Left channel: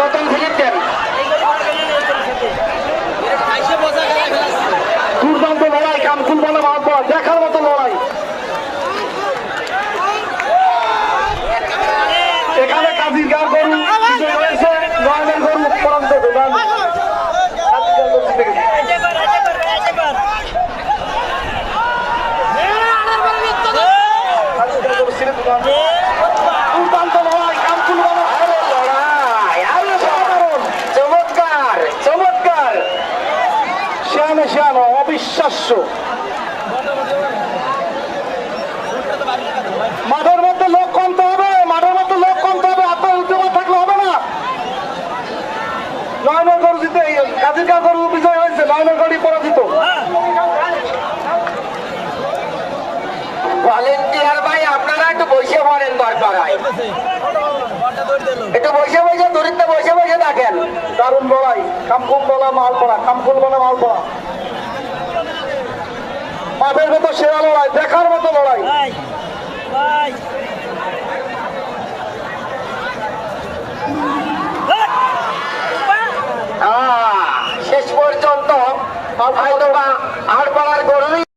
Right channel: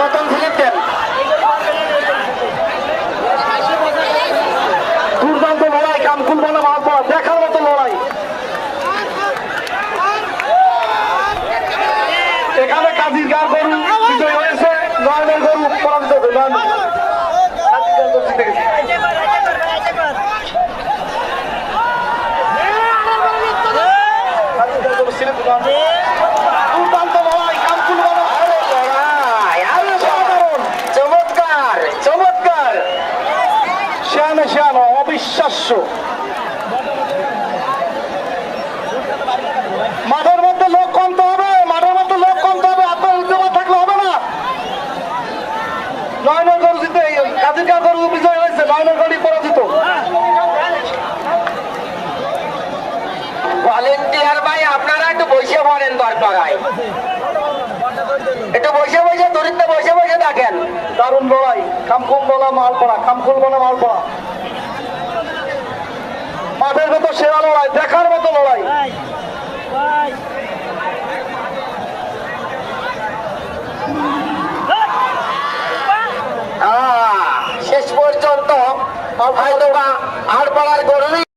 নতুন ফিলিপ দেন। দুর্দান্ত লড়াই, কামকুল বলে মাল পড়া, দেখার মতো লড়াই। এখানে কাজী গার গরু বিজয় হয়েছে, নয়নের গরু পরান্ত হইলেন। দুর্দান্ত লড়াই, কামকুল বলে চমৎকার চমৎকার, শ্যানো শ্যানো, অবিশ্বাস্য। মাঠের মধ্যে লোক কমতে হবে, মাঠের মধ্যে লোক কমতে হবে, আপনার উদ্যোগ থাকলে হবে না। নয়নের গরু জিতে, কাজিকা গরু বিজয় হয়েছে, নয়নের গরু পরাজিত। ভলেন্টিয়ার ভাই আপনারা একটু বসে পড়েন, দরকার হয় একটু বসে বসে দূরিতে বসে বসে দেখেন। দারুণ লড়াই, কামকুল বলা মাল পড়া, কামকুল বলা মাল পড়া। মাঠের মতো সেরা লড়াই, দেখার মতো লড়াই। শেষ পর্যন্ত হয়তো বা আর পাড়ার গরুই